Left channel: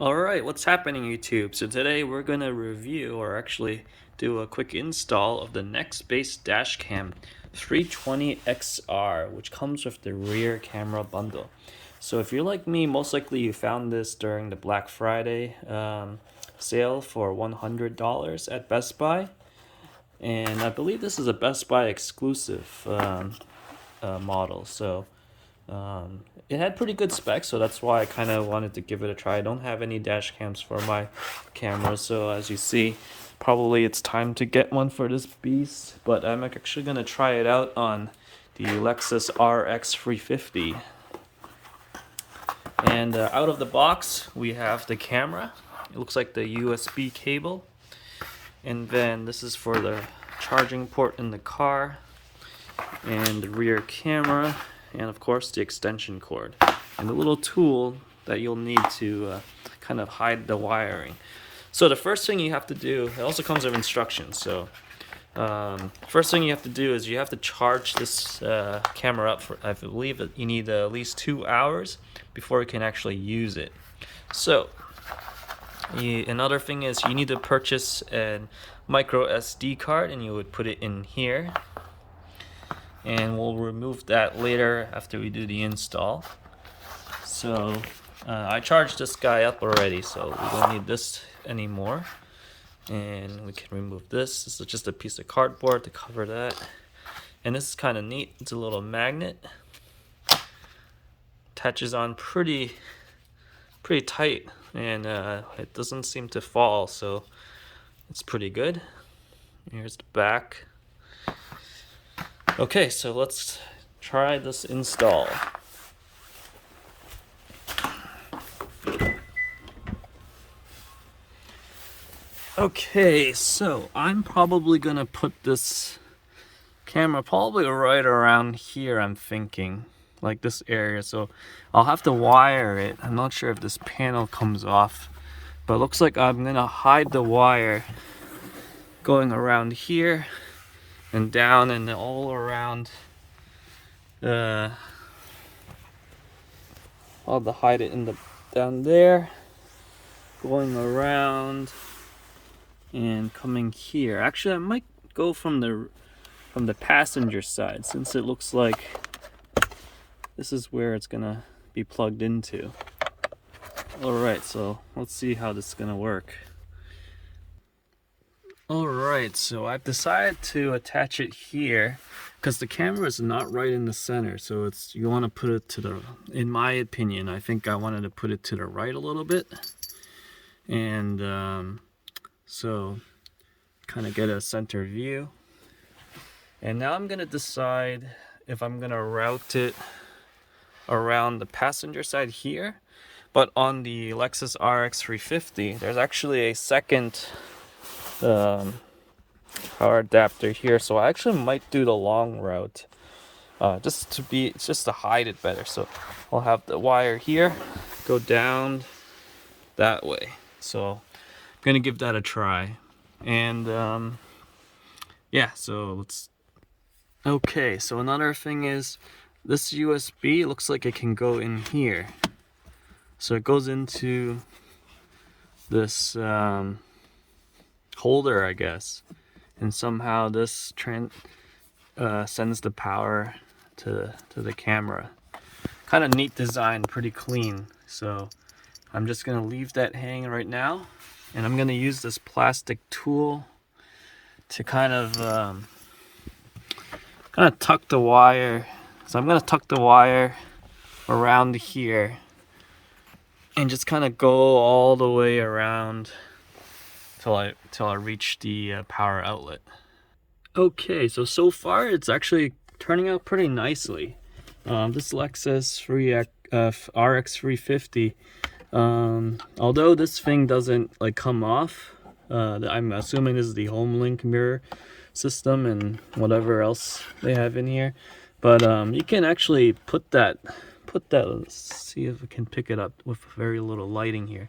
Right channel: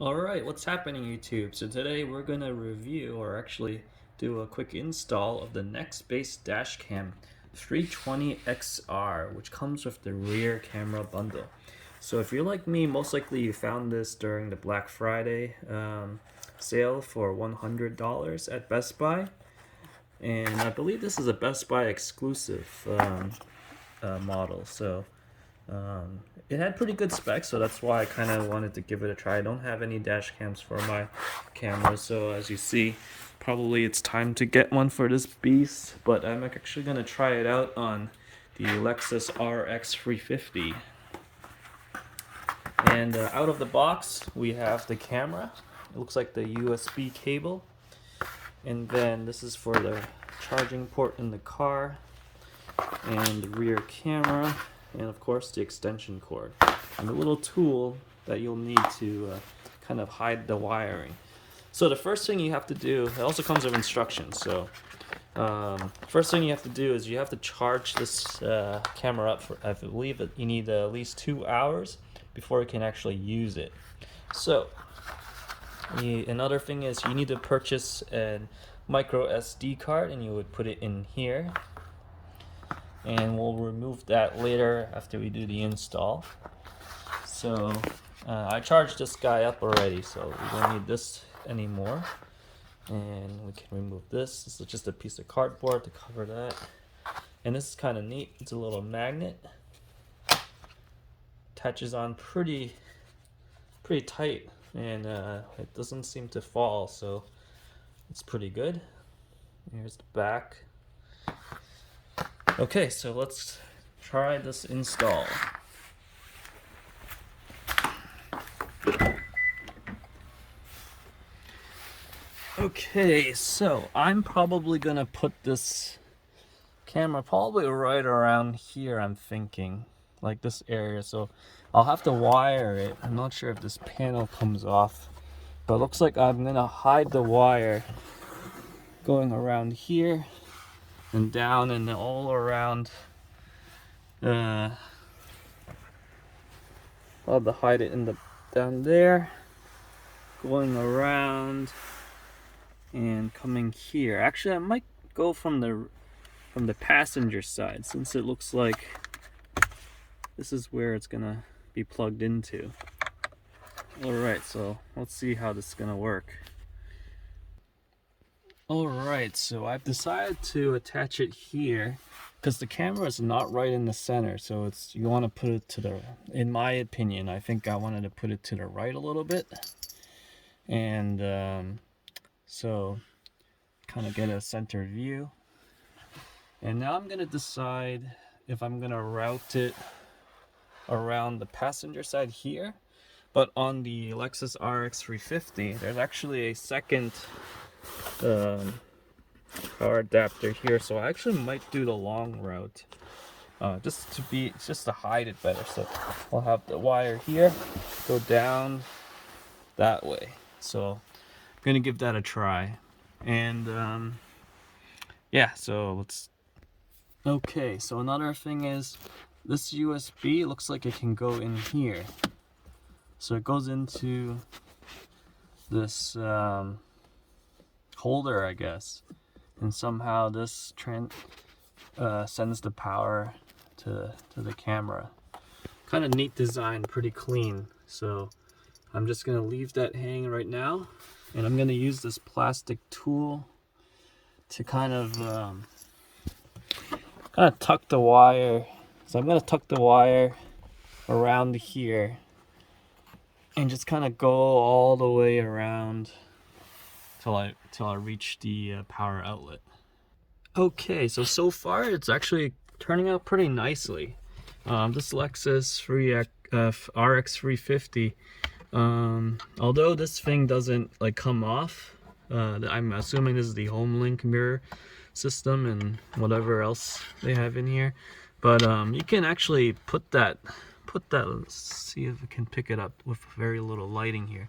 Alright, what's happening YouTube? So today we're going to review or actually do a quick install of the Nextbase Dashcam 320XR, which comes with the rear camera bundle. So if you're like me, most likely you found this during the Black Friday sale for $100 at Best Buy. And I believe this is a Best Buy exclusive model. So it had pretty good specs, so that's why I kind of wanted to give it a try. I don't have any dash cams for my camera, so as you see, probably it's time to get one for this beast. But I'm actually going to try it out on the Lexus RX350. And out of the box, we have the camera. It looks like the USB cable. And then this is for the charging port in the car. And the rear camera. And of course the extension cord and the little tool that you'll need to kind of hide the wiring. So the first thing you have to do, it also comes with instructions. So first thing you have to do is you have to charge this camera up for, I believe that you need at least 2 hours before you can actually use it. So another thing is you need to purchase a micro SD card, and you would put it in here. And we'll remove that later after we do the install. So I charged this guy up already, so we don't need this anymore. And we can remove this. This is just a piece of cardboard to cover that. And this is kind of neat. It's a little magnet. Attaches on pretty tight, and it doesn't seem to fall, so it's pretty good. Here's the back. Okay, so let's try this install. Okay, so I'm probably gonna put this camera probably right around here, I'm thinking, like this area. So I'll have to wire it. I'm not sure if this panel comes off, but it looks like I'm gonna hide the wire going around here and down and all around. I'll have to hide it in the down there, going around and coming here. Actually, I might go from the passenger side, since it looks like this is where it's gonna be plugged into. All right, so let's see how this is gonna work. Alright, so I've decided to attach it here because the camera is not right in the center, so it's, you want to put it to the, in my opinion, I think I wanted to put it to the right a little bit. And so kind of get a center view. And now I'm going to decide if I'm going to route it around the passenger side here. But on the Lexus RX350, there's actually a second power adapter here, so I actually might do the long route, just to hide it better. So I'll have the wire here go down that way. So I'm gonna give that a try. And yeah, so let's. Okay, so another thing is this USB looks like it can go in here, so it goes into this holder, I guess, and somehow this sends the power to the camera. Kind of neat design, pretty clean. So I'm just gonna leave that hanging right now, and I'm gonna use this plastic tool to kind of tuck the wire. So I'm gonna tuck the wire around here and just kind of go all the way around till I reach the power outlet. Okay, so far it's actually turning out pretty nicely. This Lexus RX350, although this thing doesn't like come off, I'm assuming this is the HomeLink mirror system and whatever else they have in here. But you can actually put that. Let's see if we can pick it up with very little lighting here.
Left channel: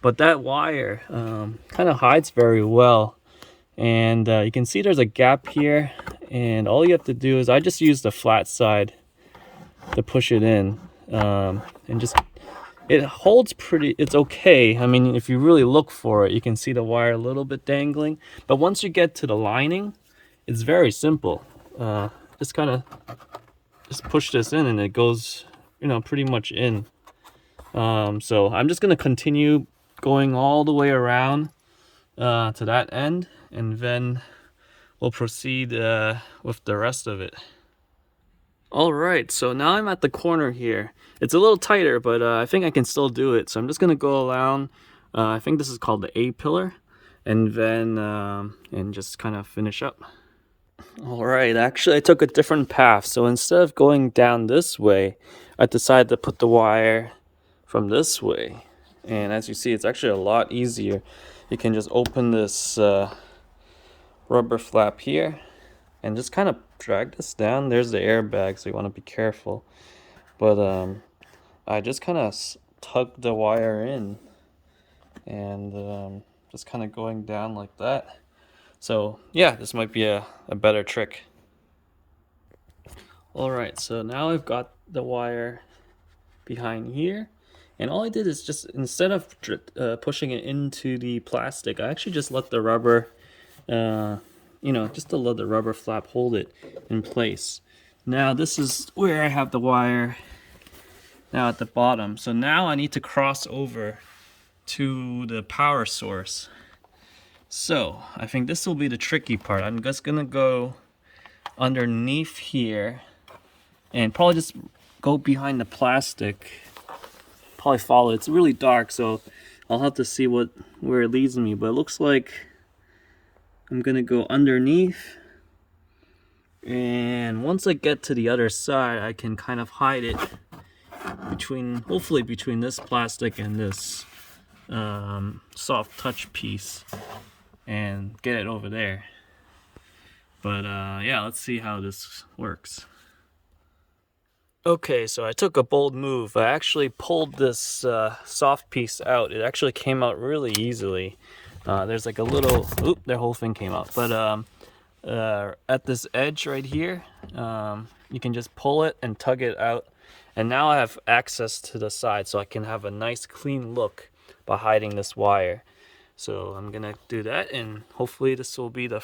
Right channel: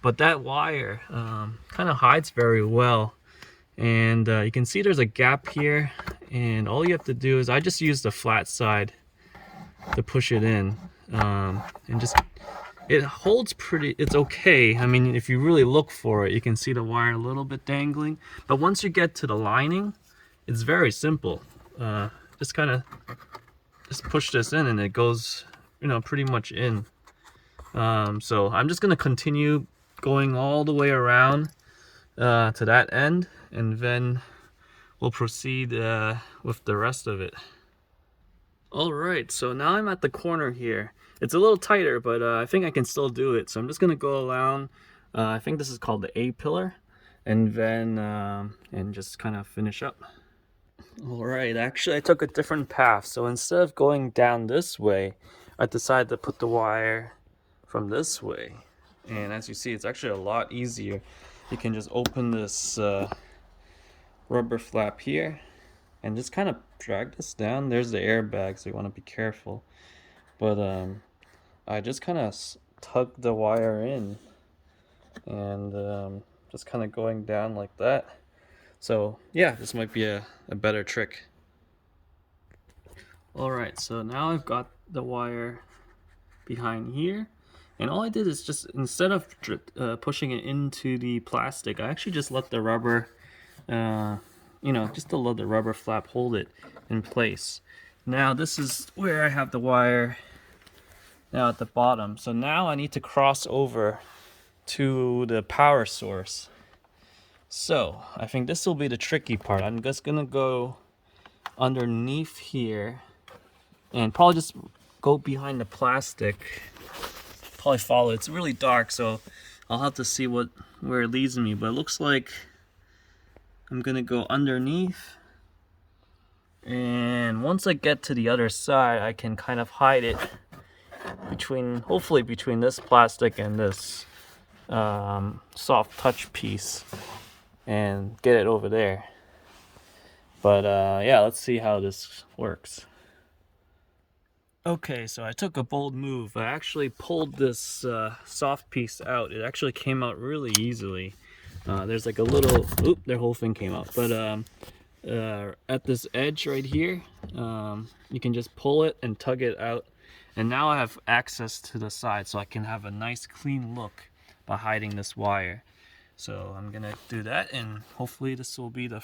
But that wire kind of hides very well, and you can see there's a gap here, and all you have to do is, I just use the flat side to push it in, and just it holds pretty, it's okay. I mean, if you really look for it, you can see the wire a little bit dangling. But once you get to the lining, it's very simple. Just kind of just push this in and it goes, you know, pretty much in. So I'm just gonna continue going all the way around to that end, and then we'll proceed with the rest of it. All right, so now I'm at the corner here. It's a little tighter, but I think I can still do it. So I'm just gonna go around. I think this is called the A pillar, and then and just kind of finish up. All right, actually I took a different path. So instead of going down this way, I decided to put the wire from this way. And as you see, it's actually a lot easier. You can just open this rubber flap here and just kind of drag this down. There's the airbag, so you want to be careful. But I just kind of tug the wire in and just kind of going down like that. So yeah, this might be a better trick. Alright, so now I've got the wire behind here, and all I did is just, instead of pushing it into the plastic, I actually just let the rubber, you know, just to let the rubber flap hold it in place. Now this is where I have the wire now at the bottom. So now I need to cross over to the power source. So I think this will be the tricky part. I'm just gonna go underneath here and probably just go behind the plastic. Probably follow. It's really dark, so I'll have to see where it leads me. But it looks like I'm gonna go underneath, and once I get to the other side, I can kind of hide it between, hopefully between this plastic and this soft touch piece, and get it over there. But yeah, let's see how this works. Okay, so I took a bold move. I actually pulled this soft piece out. It actually came out really easily. There's like a little, oop, their whole thing came out. But at this edge right here, you can just pull it and tug it out. And now I have access to the side, so I can have a nice clean look by hiding this wire. So I'm gonna do that, and hopefully this will be the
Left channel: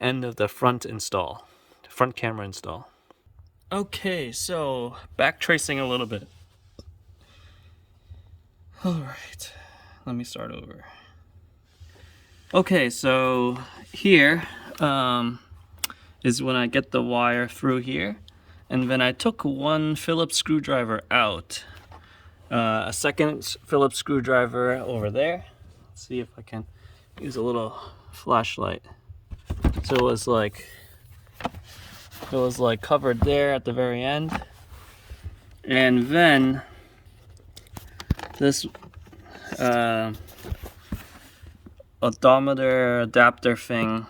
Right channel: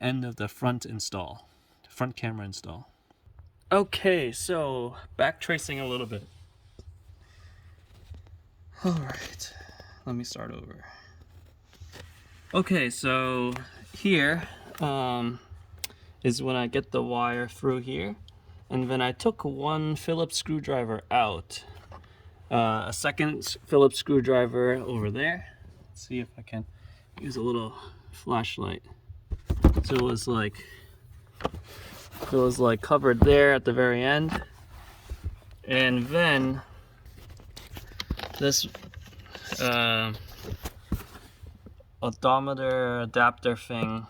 end of the front install, front camera install. Okay, so back tracing a little bit. All right, let me start over. Okay, so here is when I get the wire through here, and then I took one Phillips screwdriver out, a second Phillips screwdriver over there. Let's see if I can use a little flashlight. So it was like covered there at the very end, and then this odometer adapter thing,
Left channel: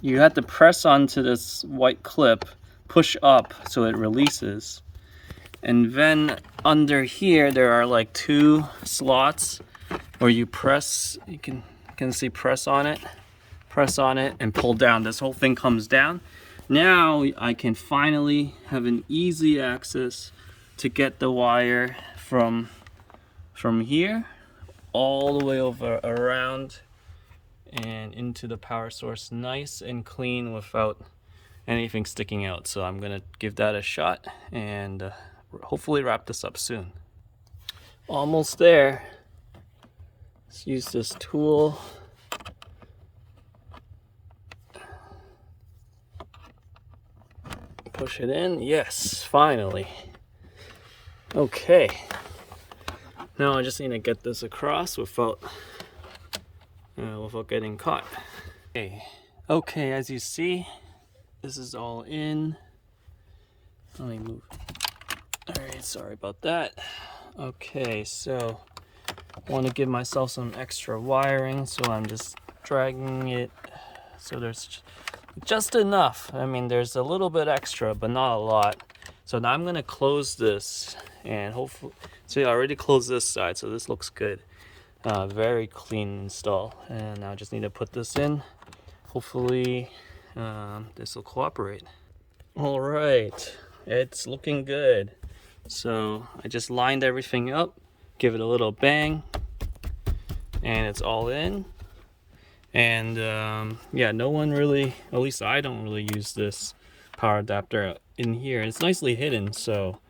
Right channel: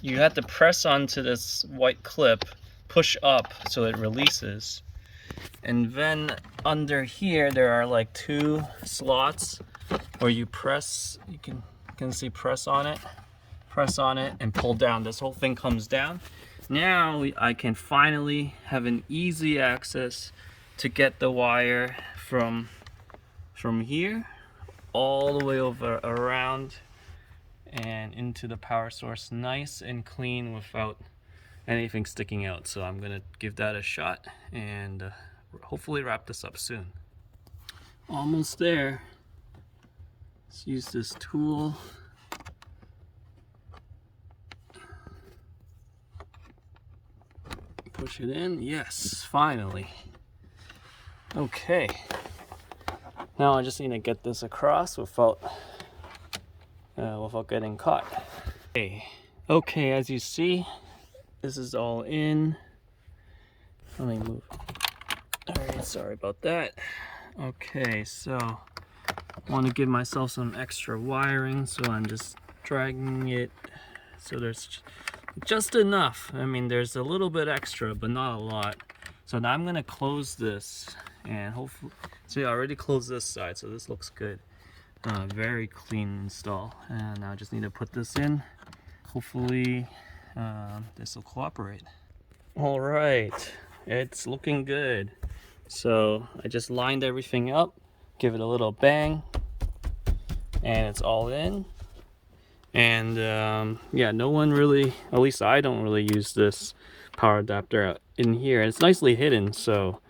you have to press onto this white clip, push up so it releases, and then under here there are like two slots where you press. You can see press on it and pull down. This whole thing comes down. Now I can finally have an easy access to get the wire from here all the way over around and into the power source, nice and clean without anything sticking out. So I'm gonna give that a shot and hopefully wrap this up soon. Almost there. Let's use this tool. Push it in. Yes, finally. Okay. Now I just need to get this across without getting caught. Okay, as you see, this is all in. Let me move. All right, sorry about that. Okay, so I want to give myself some extra wiring, so I'm just dragging it so there's just enough. I mean, there's a little bit extra, but not a lot. So now I'm gonna close this, and hopefully, see, I already closed this side, so this looks good. Very clean install. And now I just need to put this in. Hopefully this will cooperate. All right, it's looking good. So I just lined everything up, give it a little bang, and it's all in. And yeah, no one really, at least I don't really use this power adapter in here. It's nicely hidden, so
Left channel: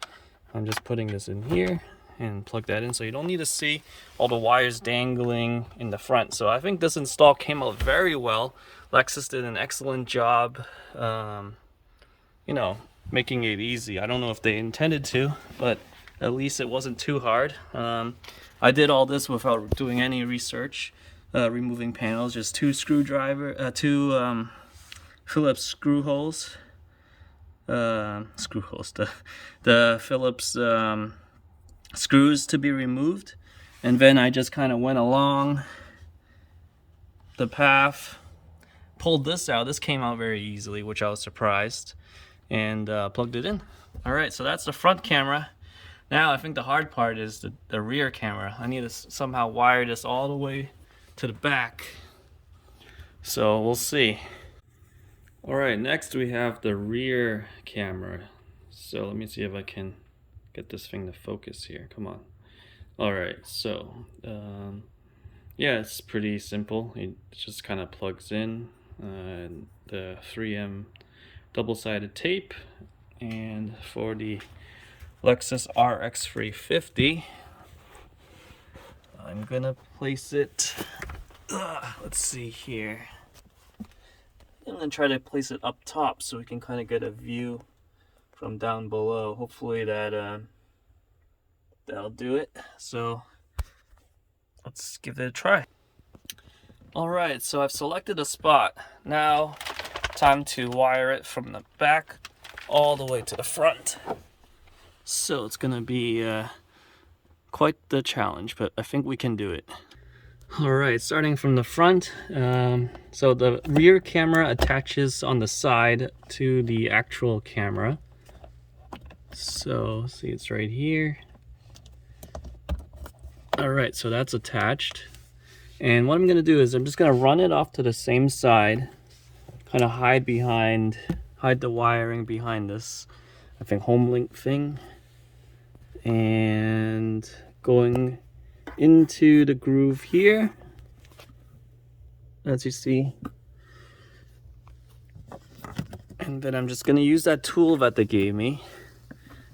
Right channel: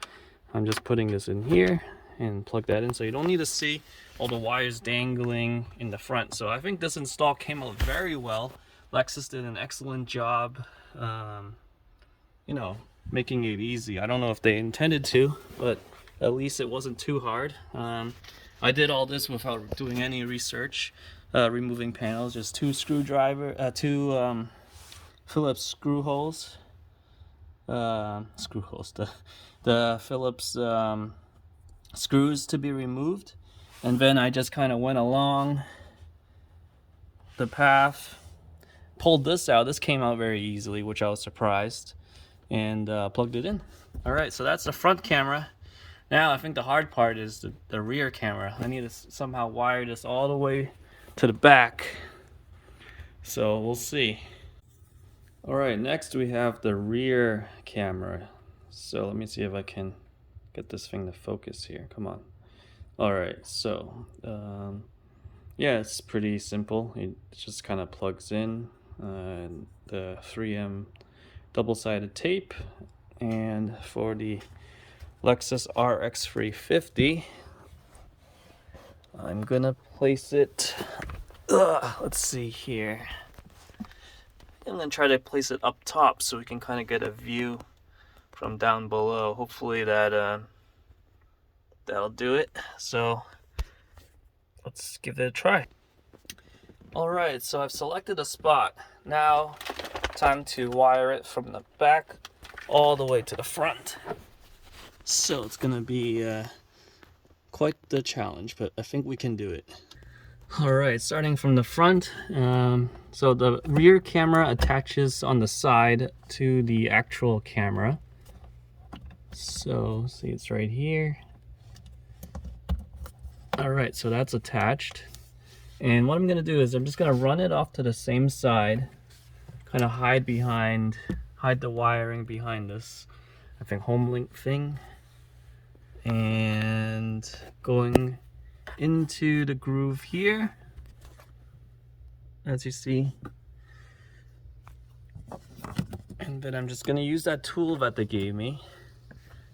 I'm just putting this in here and plug that in, so you don't need to see all the wires dangling in the front. So I think this install came out very well. Lexus did an excellent job, you know, making it easy. I don't know if they intended to, but at least it wasn't too hard. I did all this without doing any research, removing panels, just two Phillips screw holes, the Phillips screws to be removed, and then I just kind of went along the path, pulled this out. This came out very easily, which I was surprised, and plugged it in. All right, so that's the front camera. Now I think the hard part is the rear camera. I need to somehow wire this all the way to the back, so we'll see. All right, next we have the rear camera. So let me see if I can get this thing to focus here. Come on. All right, so yeah, it's pretty simple. It just kind of plugs in the 3M double-sided tape, and for the Lexus RX350, I'm gonna place it, let's see here. I'm gonna try to place it up top so we can kind of get a view from down below. Hopefully that'll do it. So let's give it a try. All right, so I've selected a spot. Now time to wire it from the back all the way to the front. So it's gonna be quite the challenge, but I think we can do it. All right, starting from the front. So the rear camera attaches on the side to the actual camera. So see, it's right here. All right, so that's attached. And what I'm gonna do is I'm just gonna run it off to the same side, kind of hide the wiring behind this, I think, home link thing. And going into the groove here, as you see. And then I'm just going to use that tool that they gave me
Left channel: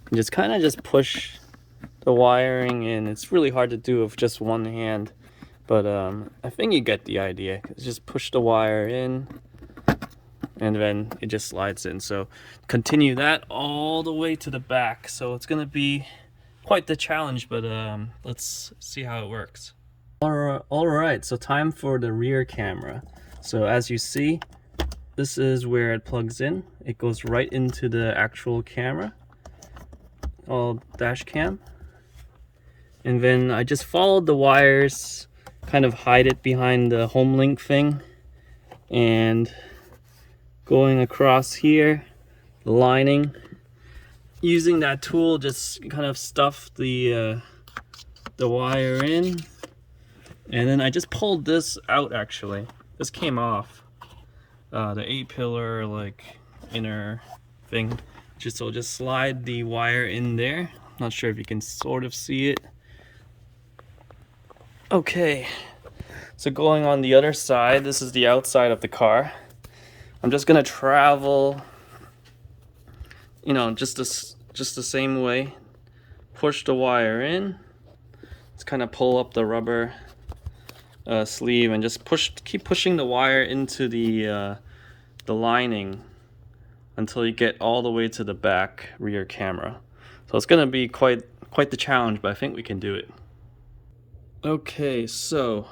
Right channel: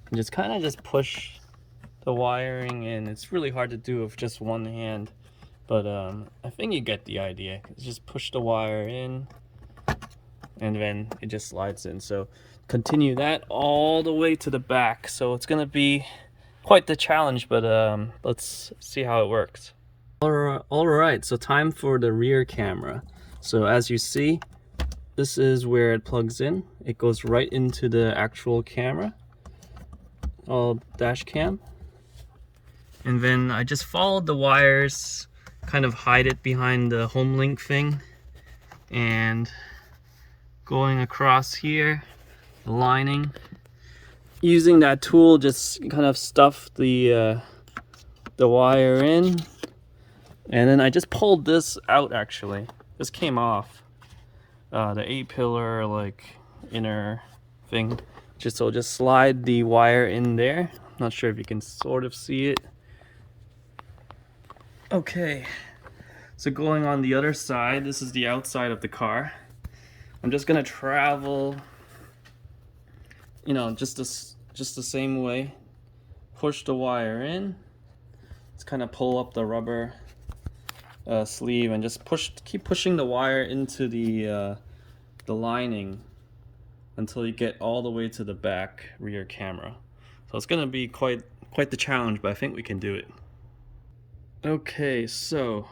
and just kind of just push the wiring in. It's really hard to do with just one hand, but I think you get the idea. Just push the wire in and then it just slides in. So continue that all the way to the back. So it's going to be quite the challenge, but let's see how it works. All right, so time for the rear camera. So as you see, this is where it plugs in. It goes right into the actual camera, all dash cam. And then I just followed the wires, kind of hide it behind the home link thing, and going across here, the lining. Using that tool, just kind of stuff the wire in, and then I just pulled this out. Actually, this came off the 8-pillar like inner thing. Just slide the wire in there. Not sure if you can sort of see it. Okay, so going on the other side, this is the outside of the car. I'm just gonna travel, you know, just the same way. Push the wire in. Just kind of pull up the rubber sleeve and just keep pushing the wire into the lining until you get all the way to the back rear camera. So it's gonna be quite the challenge, but I think we can do it. Okay, so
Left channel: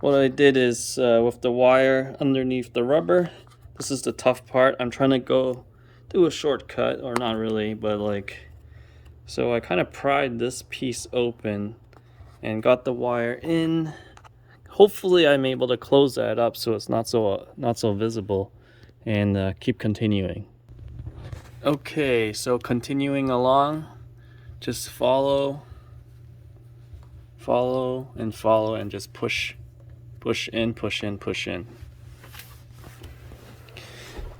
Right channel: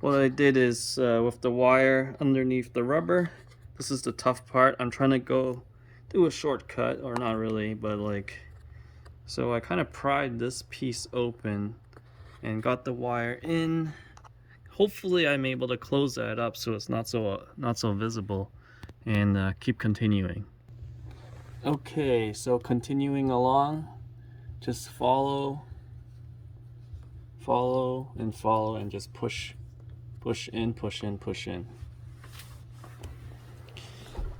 what I did is with the wire underneath the rubber, this is the tough part. I'm trying to do a shortcut, or not really, but like, so I kind of pried this piece open and got the wire in. Hopefully I'm able to close that up so it's not so visible, and keep continuing. Okay, so continuing along, just follow and just push in.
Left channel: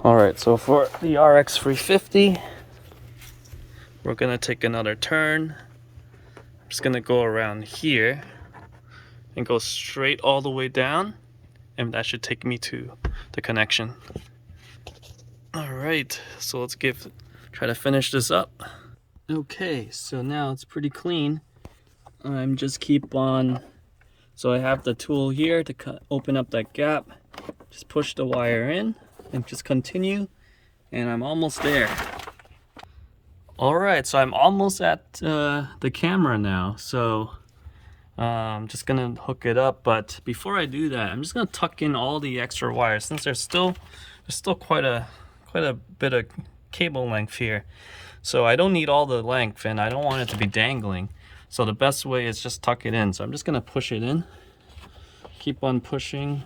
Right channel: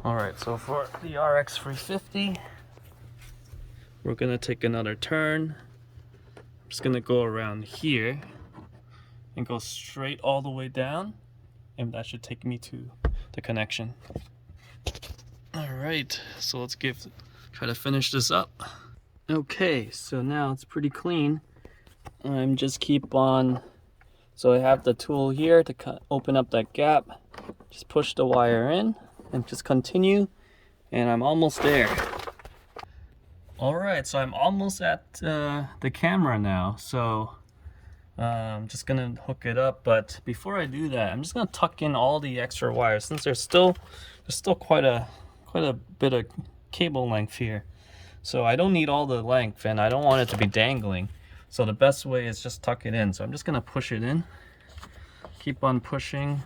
All right, so for the RX350, we're gonna take another turn. I'm just gonna go around here and go straight all the way down, and that should take me to the connection. All right, so let's try to finish this up. Okay, so now it's pretty clean. I'm just keep on, so I have the tool here to open up that gap. Just push the wire in and just continue, and I'm almost there. All right, so I'm almost at the camera now. So I'm just gonna hook it up, but before I do that, I'm just gonna tuck in all the extra wires since there's still quite a bit of cable length here. So I don't need all the length, and I don't want it to be dangling. So the best way is just tuck it in. So I'm just gonna push it in. Keep on pushing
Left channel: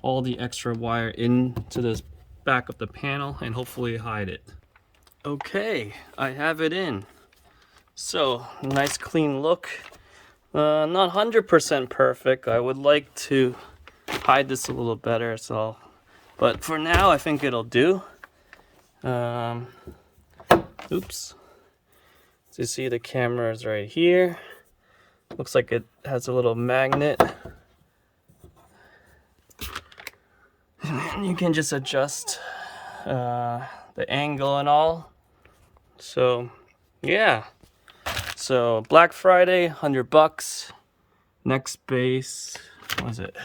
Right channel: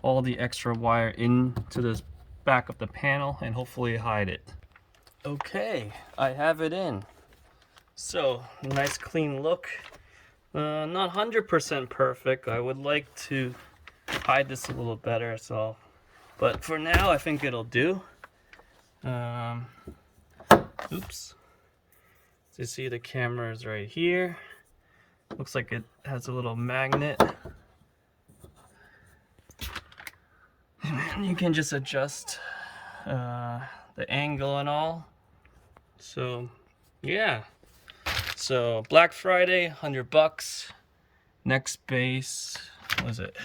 all the extra wire into the back of the panel and hopefully hide it. Okay, I have it in. So nice clean look. Not 100% perfect. I would like to hide this a little better, but for now I think it'll do. Oops. So you see the camera is right here. Looks like it has a little magnet. And you can just adjust the angle and all. So yeah. So Black Friday, $100. Nextbase, what was it?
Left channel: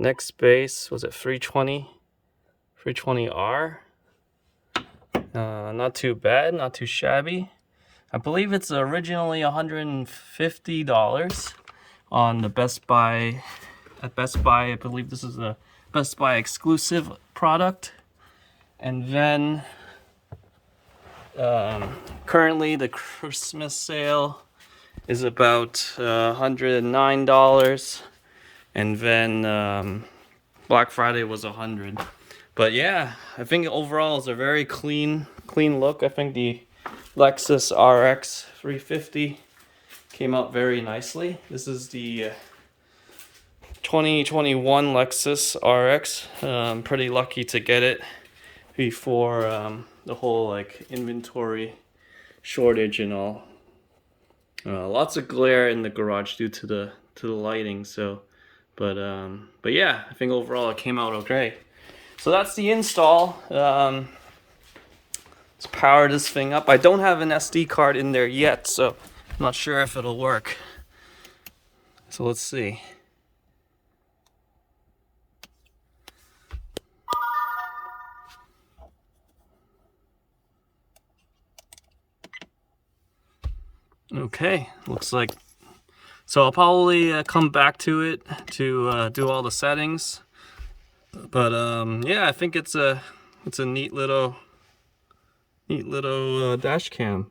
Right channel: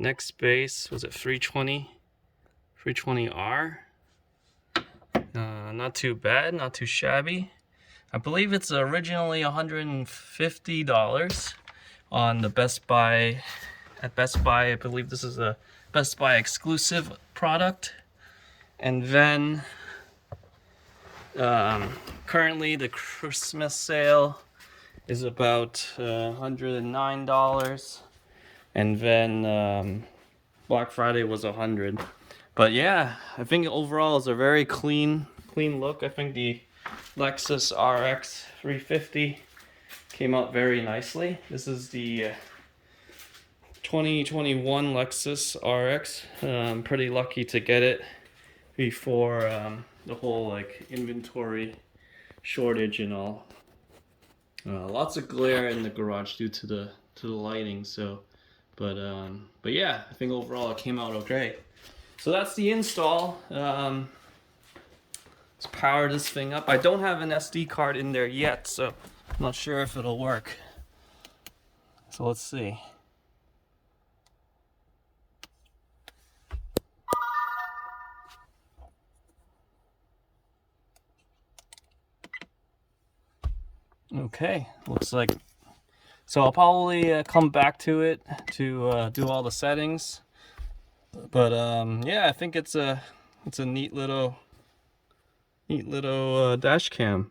Nextbase, was it 320R? Not too bad, not too shabby. I believe it's originally $150 on the Best Buy. At Best Buy, I believe this is a Best Buy exclusive product. And then currently the Christmas sale is about $109, and then Black Friday was $100. But yeah, I think overall it's a very clean look. I think the Lexus RX350 came out very nicely. This is the 2021 Lexus RX. I'm pretty lucky to get it before the whole like inventory shortage and all. Lots of glare in the garage due to the lighting. So, but yeah, I think overall it came out okay. So that's the install. Let's power this thing up. I don't have an SD card in there yet, so I'm not sure if it'll work. So let's see. Okay, looks like, so I'll probably come back to it to do all the settings. But yeah, I think it's a neat little dash cam.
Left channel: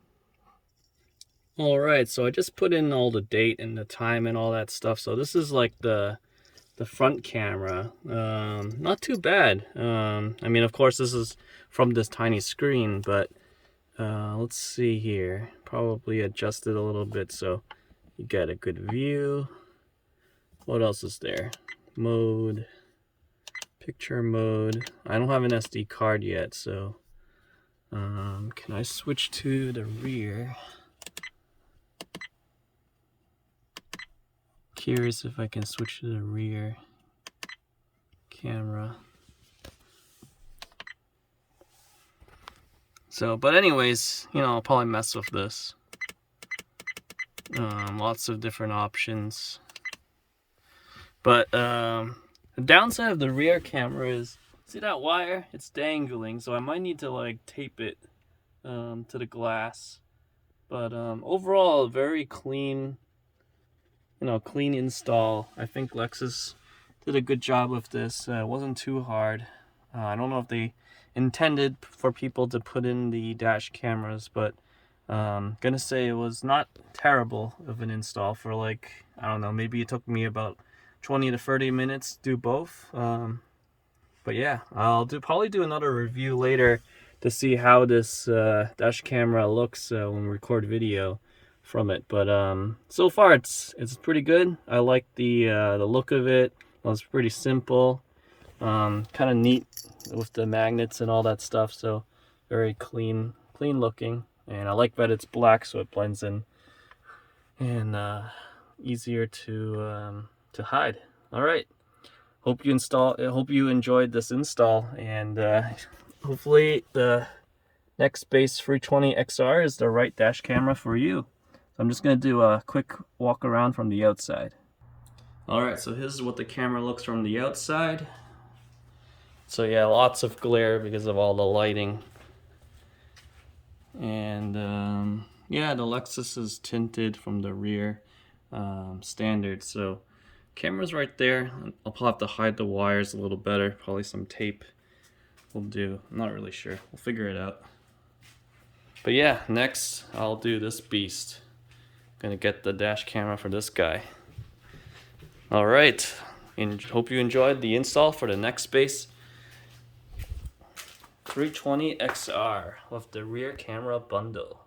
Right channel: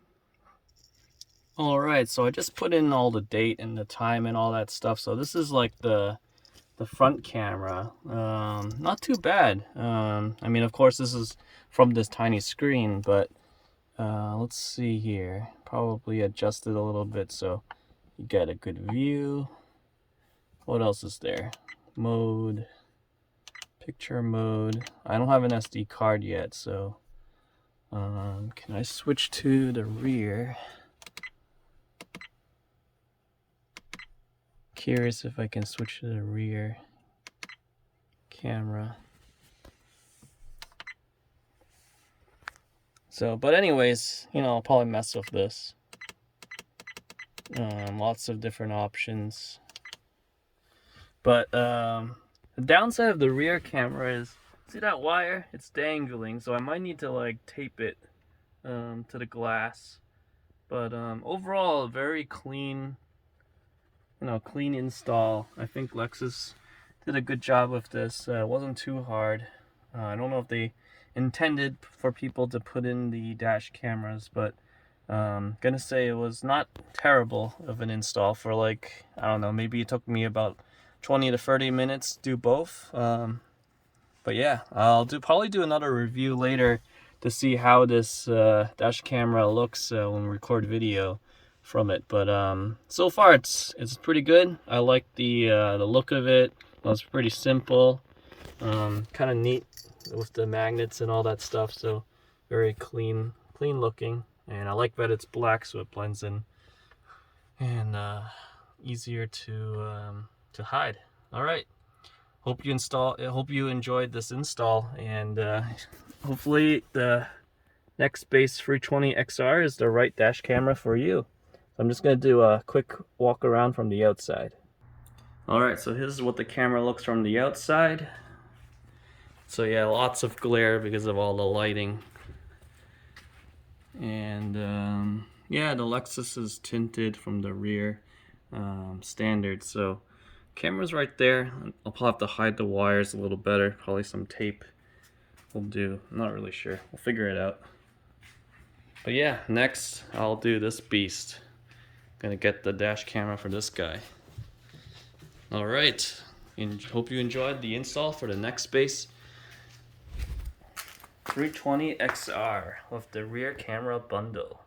All right, so I just put in all the date and the time and all that stuff. So this is like the front camera. Not too bad. I mean, of course, this is from this tiny screen, but let's see here. Probably adjust it a little bit so you get a good view. What else is there? Mode. Picture mode. I don't have an SD card yet, so can I switch to the rear? Curious if I can switch to the rear camera. So, but anyways, you know, I'll probably mess with this. Lots of different options. But the downside of the rear camera is, see that wire? It's dangling, so I might need to like tape it to the glass. But overall, very clean, clean install. I think Lexus did a good job with this. It wasn't too hard. I don't know if they intended for people to put in the dash cameras, but gonna say it was not terrible of an install for, like, I don't know, maybe it took me about 20 to 30 minutes to do both. But yeah, I'll probably do another review later to see how this dash camera looks when we record video from it. But so far it's pretty good. I like the look of it. It's pretty simple, kind of neat with the magnets and all that stuff. So Very clean looking, and I like that it's black so it blends in, and easier to hide. All right, hope you enjoyed this install, and hopefully the Nextbase 320XR is the right dash camera for you. So I'm just gonna do a quick walk around from the outside. All right, so here's what the camera looks from the outside. So yeah, lots of glare because of all the lighting. And yeah, the Lexus is tinted from the rear, standard. So camera's right there. I'll probably have to hide the wires a little better. Probably some tape will do. I'm not really sure. We'll figure it out. But yeah, next I'll do this beast. Gonna get the dash camera for this guy. All right, and hope you enjoyed the install for the Nextbase 320XR with the rear camera bundle.